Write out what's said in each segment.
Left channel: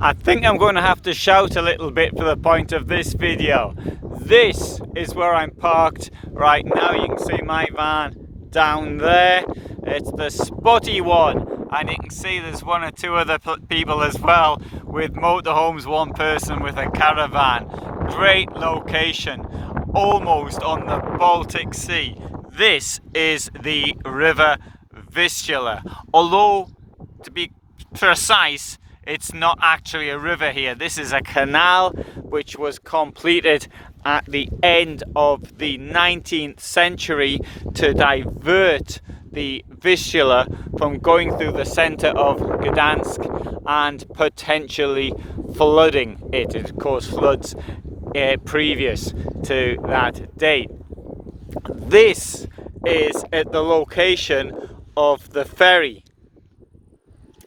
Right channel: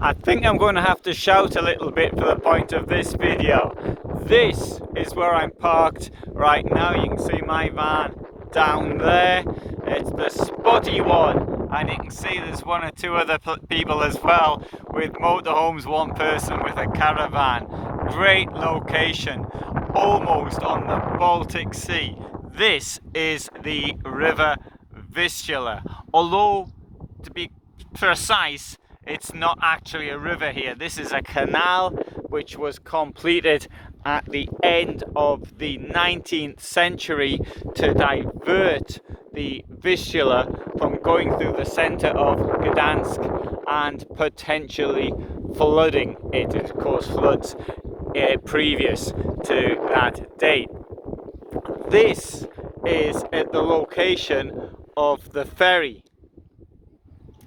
I think I'm going to have to shout a little bit for the point of this video. This is where I'm parked right now. You can see my van down there. It's the spotty one, and you can see there's one or two other people as well with motorhomes, one person with a caravan. Great location, almost on the Baltic Sea. This is the River Vistula, although to be precise, it's not actually a river here. This is a canal which was completed at the end of the 19th century to divert the Vistula from going through the centre of Gdansk and potentially flooding it. It caused floods previous to that date. This is at the location of the ferry.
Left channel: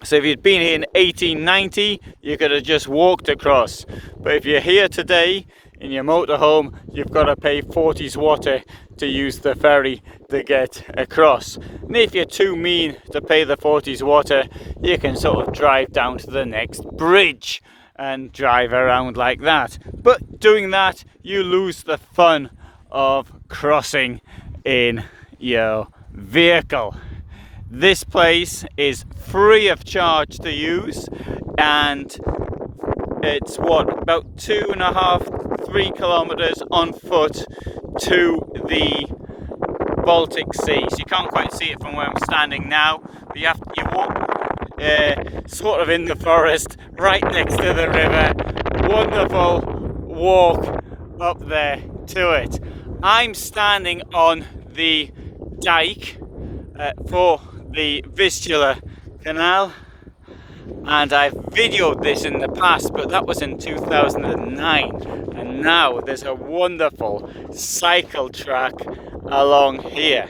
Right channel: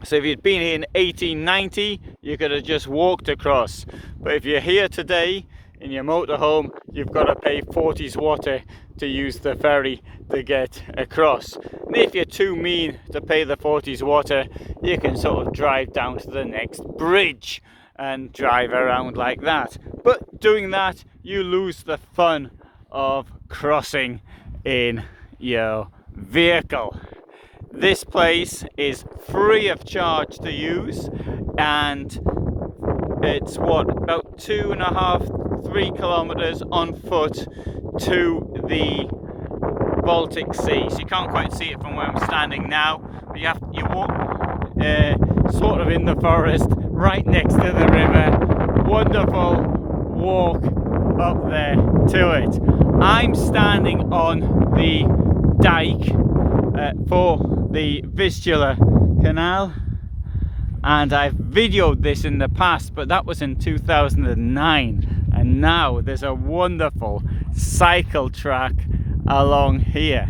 So if you'd been here in 1890, you could have just walked across. But if you're here today in your motorhome, you've got to pay 40 zloty to use the ferry to get across. And if you're too mean to pay the 40 zloty, you can sort of drive down to the next bridge and drive around like that. But doing that, you lose the fun of crossing in your vehicle. This place is free of charge to use, and it's about 2.5–3 kilometers on foot to the Baltic Sea. So you can't quite see it from where I'm standing now, but you walk sort of in the forest right next to the river. Wonderful walk up there to it. I'm standing on the dike for the Vistula canal, and I've videoed this in the past, but that was in 2009, and now there's a wonderful cycle track along here.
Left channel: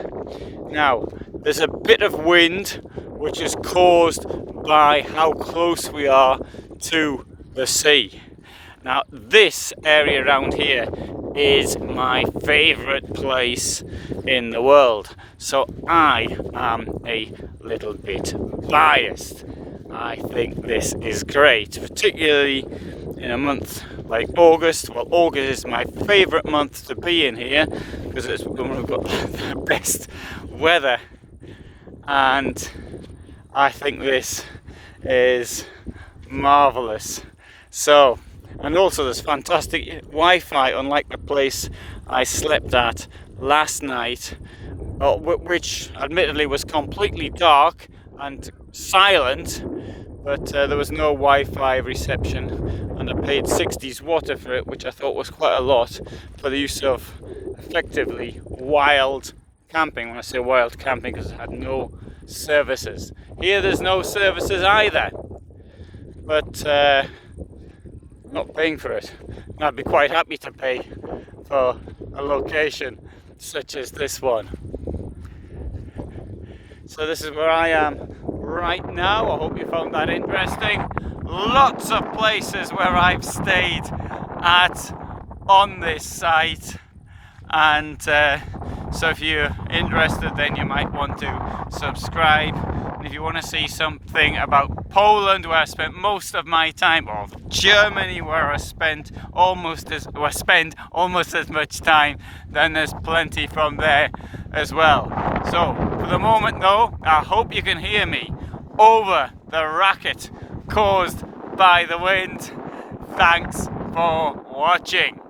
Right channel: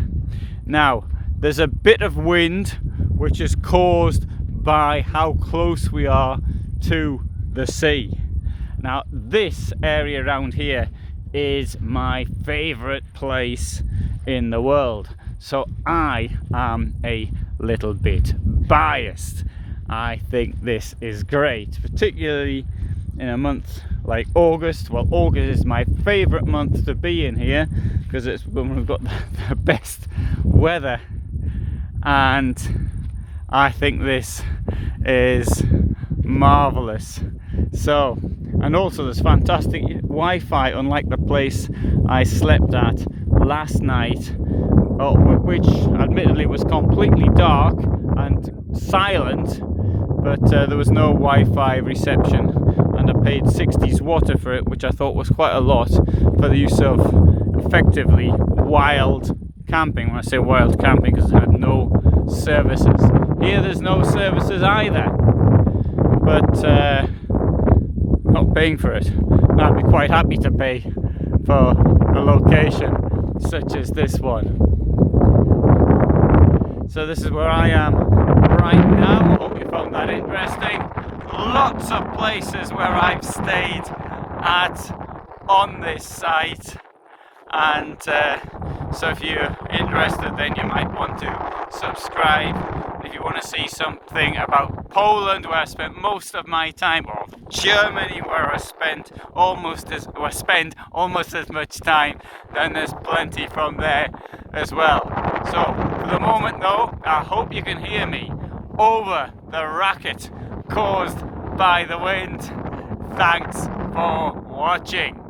Now there's a bit of wind which is caused by how close we are to the sea. Now this area around here is my favourite place in the world, so I am a little bit biased. I think this is great, particularly in a month like August. Well, August is my favourite month to be in here because it's when we've got the best weather, and I think this is marvellous. So, and also there's fantastic Wi-Fi, unlike the place I slept at last night, which admittedly was completely dark and silent, but there was no Wi-Fi reception, and I paid 60 zloty for it, which I thought was quite a lot for the use of effectively wild camping. When I say wild camping, because it had no services. Here there's no services either, but not paying for it. And I'd be quite happy to pay for a location such as this one. So this is where I am right now. I hope you found that interesting. Lots of places where I've stayed at on this site, and so if you're interested, then you might want to subscribe. And if you want to see something about Poland, where I spent most of my time, or Germany, where I spend almost as much time, then there's plenty from there as well. So for the moment though, I hope you can hear me over the racket caused by the wind. Thanks for watching.